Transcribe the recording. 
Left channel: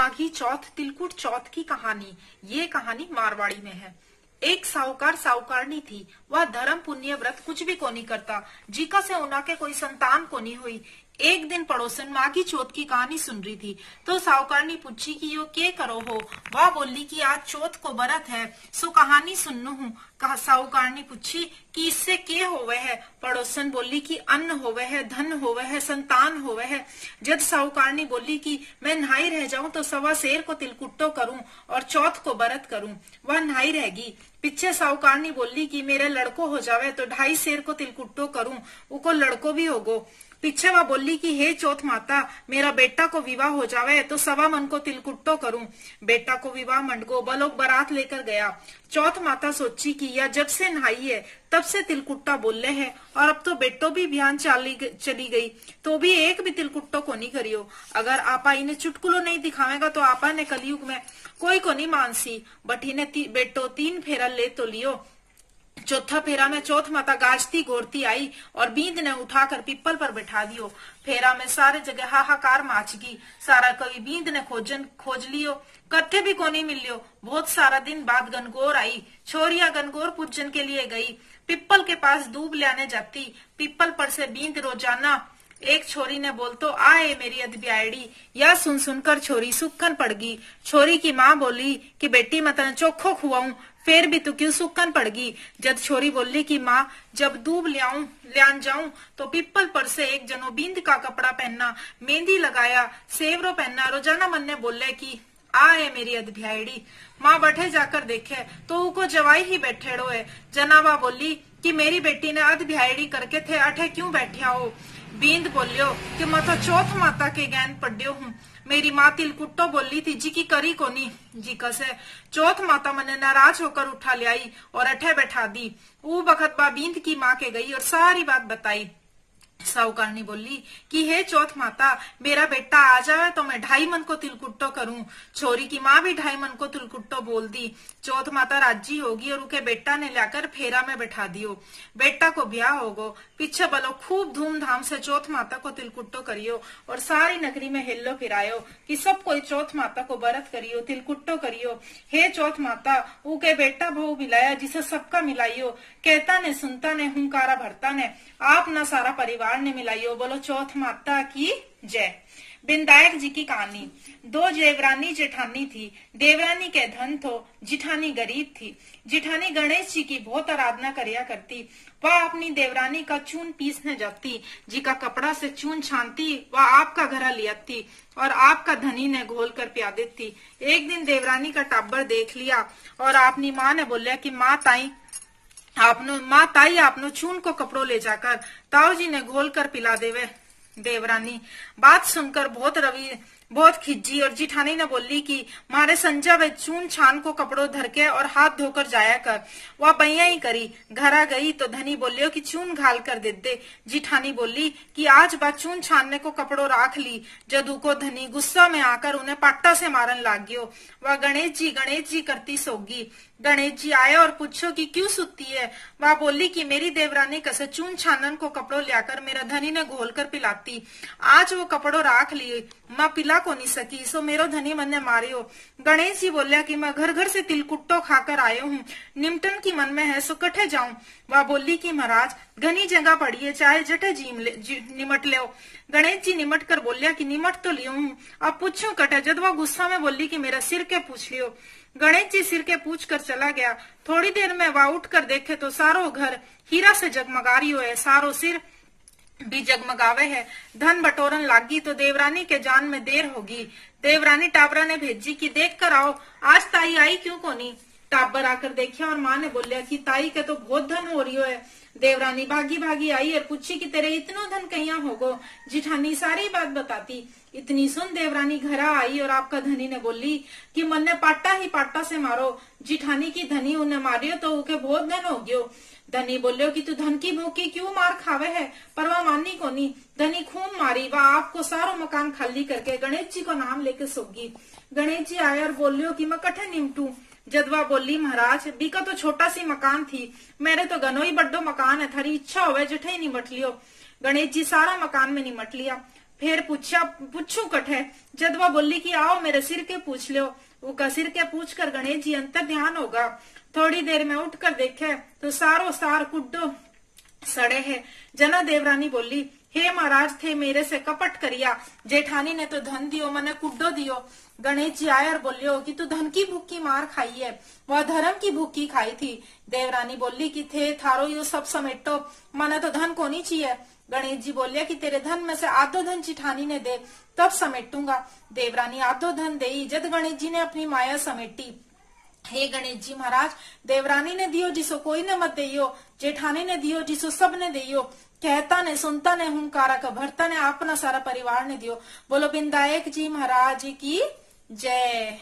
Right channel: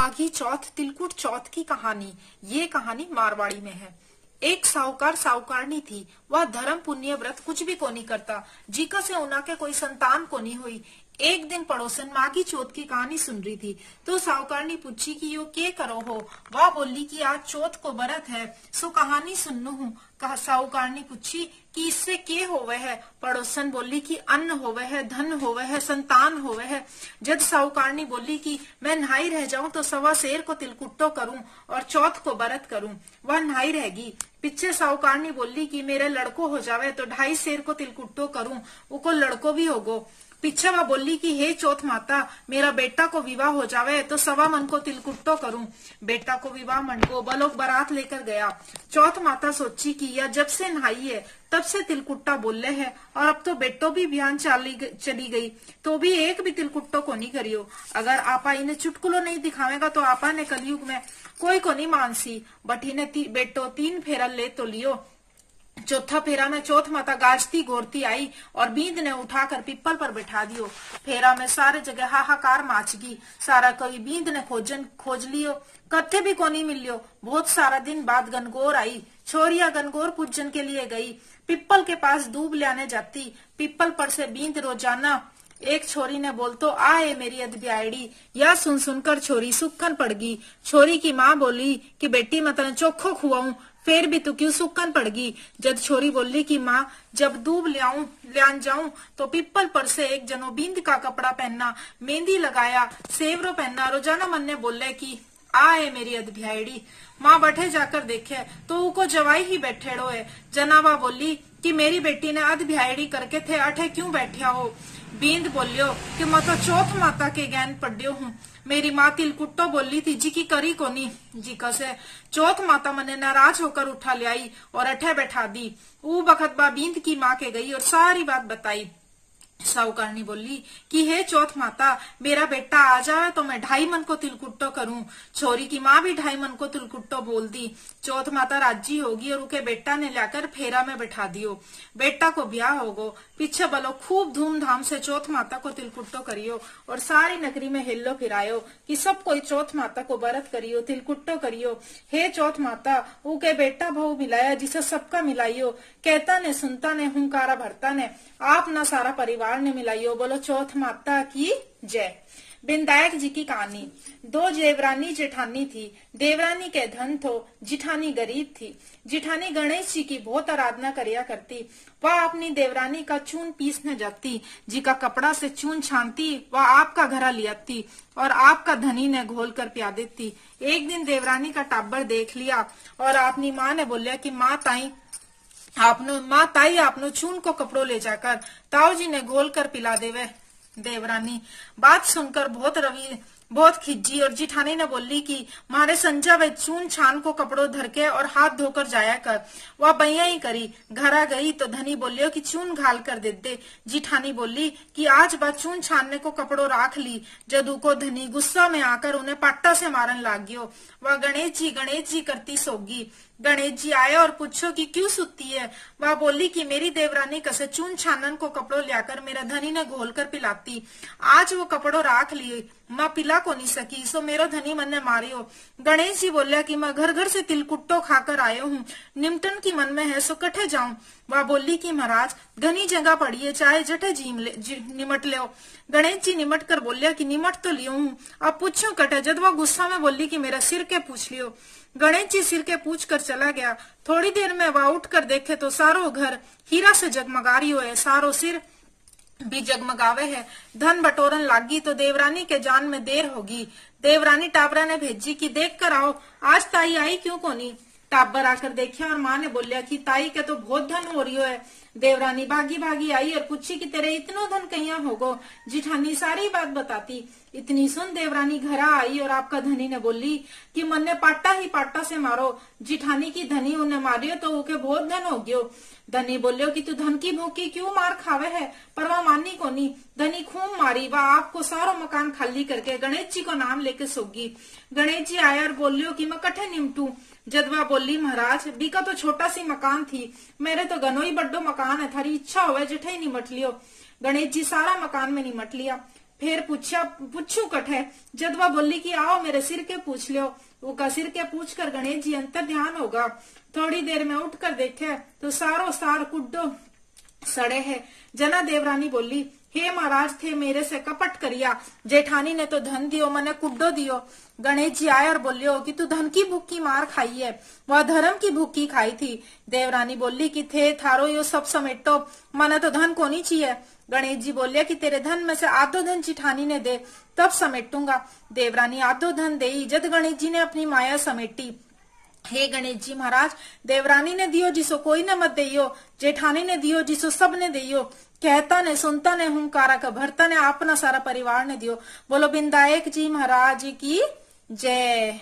माघी चौथ तिलकुट चौथ की कहानी। ये कहानी मारवाड़ी में है। एक साहूकार साहूकारनी थी। वह धर्म पुण्य व्रत कुछ भी को नहीं करता। जीका से उना के कोई संतान को नहीं हुई। एक दिन पड़ोसन माघी चौथ की कहानी सुन रही थी तो साहूकारनी पूछी कि यो के करो हो। वह बोली कि आज चौथ को व्रत है सो कहानी सुननु हूँ। साहूकारनी पूछी कि इससे के होवे है। पड़ोसन बोली कि अन्न होवे है, धन होवे है, संतान होवे है। जब साहूकारनी बोली कि मैं नहाई रह जाऊं तो सवा शेर को तिलकुट्टो करूं और चौथ को व्रत करूं। वह नहाई रहेगी। पीछे साहूकारनी बोली कि मेरे लड़को हो जावे तो 2.5 शेर को तिलकुट्टो करूं, उको लड़को भी होगो। पीछे वह बोली कि हे चौथ माता, मेरा बेटा को विवाह हो जावे तो 1.25 मन को तिलकुट्टो करूं। बेटा को विवाह मन को बलोक बारात लेकर गया। चौथ माता सोची कि यह जब से नहाई है तब से तिलकुट्टा बोले है और अब तो बेटो भी बिहान चली गई तो भी एक भी तिलकुट्टो को नहीं करियो। अगर आपा इन्हें चुटकुलो नहीं दिखावेगा तो आपा ने कलयुग में कोई को नहीं मानसी। बट इन्हें बेटो 3 फेरा ले तो लियो। चौथा फेरा में चौथ माता गाजती गोरती आई और बींद ने उठाकर पीपल पर बैठा दियो। फेरा में सारे जगह हाहाकार माच गई। सारा कोई बींद ने खोज लियो, कथे भी कोनी मिलियो। बहुत सारा दिन बाद गनगौर आई। छोरिया गनगौर पूजन के लिए गई। पीपल के पास दूब लाने जाती। पीपल पर से बींद रोजाना एक छोरी ने बोल तो आए मेरी अदब्यायड़ी। यह सुन सुनकर छोरी सुक्कन पड़ गई। छोरी की माँ बोली कि बेटी मैं तने चोखो खुआऊं, फिर भी तू क्यों सुक्कन पड़ गई। जब छोरी बोली कि माँ जब दूब ल्यान जाऊं तो पीपल पर से एक जनो बींद का कपड़ा पहनना, मेहंदी लगाया, सेवरो पहनना। रोजाना मन ने बोले कि आए मेरी अदब्यायड़ी। माँ बैठे जाकर देखे तो उको जवाई ही बैठेड़ो है। जनावा बोली कि मेरी बेटी ने अदब्यायड़ी करके थे अठे क्यों बैठा हो। बींद बोलियो कि मैं तो चौथ माता के ज्ञान पढ़ियो हूँ। मेरी माँ तिलकुट्टो बोली थी जी की करी कोनी। जी कसे चौथ माता मने नाराज होकर उठा ले आई और अठे बैठा दी। ऊ बखत बा बींद की माँ के गई और सारी बात बताई। साहूकारनी बोली कि हे चौथ माता, मेरा बेटा आ जाए तो मैं 2.5 मन को तिलकुट्टो करूं। छोरी की माँ भी 2.5 मन को तिलकुट्टो बोल दी। चौथ माता राजी होगी और उनके बेटा ने लाकर फेरा में बैठा दियो। बेटा को ब्याह होगो। पीछे बोलो खूब धूमधाम से चौथ माता को तिलकुट्टो करियो और सारी नगरी में हिल्लो फिरायो कि सब कोई चौथ माता को व्रत करियो, तिलकुट्टो करियो। हे चौथ माता, उनके बेटा बहु मिलाया जिसे सबका मिलाइयो। कहता ने सुनता ने हुंकारा भरता ने आप न सारा परिवार ने मिलाइयो। बोलो चौथ माता की जय। बिंदायक जी की कहानी। 2 देवरानी जेठानी थी। देवरानी के धन थो, जिठानी गरीब थी। जिठानी गणेश जी की बहुत आराधना करिया करती। वह अपनी देवरानी का चून पीसने जाती। जी का कपड़ा से चून छानती। वह आपका घरा लियाती और आपका धनी ने घोल कर पिया देती। एक दिन देवरानी का टाबर देख लिया और अपनी माँ ने बोलिया कि माँ ताई आपनो चून को कपड़ो ले जाकर ताऊ जी ने घोल कर पिला देवे। देवरानी बात सुनकर बहुत खिज्जी और जिठानी ने बोली कि मारे संजा वे चून छान को कपड़ो धर के और हाथ धोकर जाया कर। वह बैया ही करी। घरा गई तो धनी बोलियो कि चून घाल कर दे। जिठानी बोली कि आज बात चून छानने को कपड़ो राख ली। जदू को धनी गुस्सा में आकर उन्हें पाट्टा से मारन लाग गयो। वह गणेश जी करती सोगी। गणेश जी आया और पूछो कि क्यों सुती है। वह बोली कि मेरी देवरानी कसे चून छानन को कपड़ो लाकर मेरा धनी ने घोल कर पिलाती। आज वो कपड़ो राख लिए, माँ पिला को नहीं सकी सो मेरो धनी मन ने मारियो। गणेश जी बोलिया कि मैं घर घर से तिलकुट्टो खाकर आयो हूँ, निमटन की मन में है सो कठे जाऊं। वह बोली कि महाराज घनी जगह पड़ी है, चाहे जठे निमट ले। गणेश जी निमट कर बोलिया कि निमट तो लियो हूँ, अब पूछू कटे। जब वह गुस्सा में बोली कि मेरा सिर के पूछ लियो। गणेश जी सिर के पूछ कर चला गया। थोड़ी देर में वह उठ कर देखे तो सारो घर हीरा से जगमगा रियो है, सारो सिर भी जगमगावे है। धन बटोरन लागी तो देवरानी के जान में देर होगी। देवरानी टाबरा ने भेजी कि देख कर आओ आज ताई आई क्यों कोनी। टाबर आकर देखिया और माँ ने बोलिया कि ताई के तो बहुत धन हो रियो है। देवरानी भागी भागी आई और पूछी कि तेरे इतना धन कहिया होगो। जिठानी सारी बात बताती। इतनी सुन देवरानी घरा आई और आपका धनी ने बोली कि मन ने पाट्टा ही पाट्टा से मारो। जिठानी की धनी उन्हें मारियो तो उके बहुत धन हो गयो। धनी बोलियो कि तू धन की भूखी क्यों मार खावे है, पर वह मानी को नहीं। धनी खूब मारी। वह आपको सारो मकान खाली करके गणेश जी को नाम लेके सोगी। गणेश जी आया और बोलियो कि मैं कठे निमटू। जदवा बोली महाराज बीका तो छोटा सी मकान थी, मेरे तो गनो ही बड्डो मकान है, थारी इच्छा होवे जिठे ही निमट लियो। गणेश जी सारा मकान में निमट लिया। फिर पूछू कठे। जद वह बोली कि आओ मेरे सिर के पूछ लो, वो सिर के पूछ कर गणेश जी अंतर ध्यान होगा। थोड़ी देर में उठकर देखे तो सारो सार कुड्डो सड़े है। जना देवरानी बोली, हे महाराज थे मेरे से कपट करिया, जेठानी ने तो धन दियो मने कुड्डो दियो। गणेश जी आए और बोलियो कि तू धन की भूखी मार खाई है, वह धर्म की भूखी खाई थी। देवरानी बोली कि थे थारो यो सब समेटो, मने तो धन को नहीं चाहिए। गणेश जी बोलिया कि तेरे धन में से आधो धन जेठानी ने दे, तब समेटूंगा। देवरानी आधो धन दे। जद गणेश जी ने अपनी माया समेटी, हे गणेश जी महाराज, देवरानी ने दियो जिसो कोई न मत दियो, जेठानी ने दियो जिसो सब ने दियो, कहता ने सुनता ने हुंकारा का भरता ने अपना सारा परिवार ने दियो। बोलो बिंदायक जी महाराज की जय।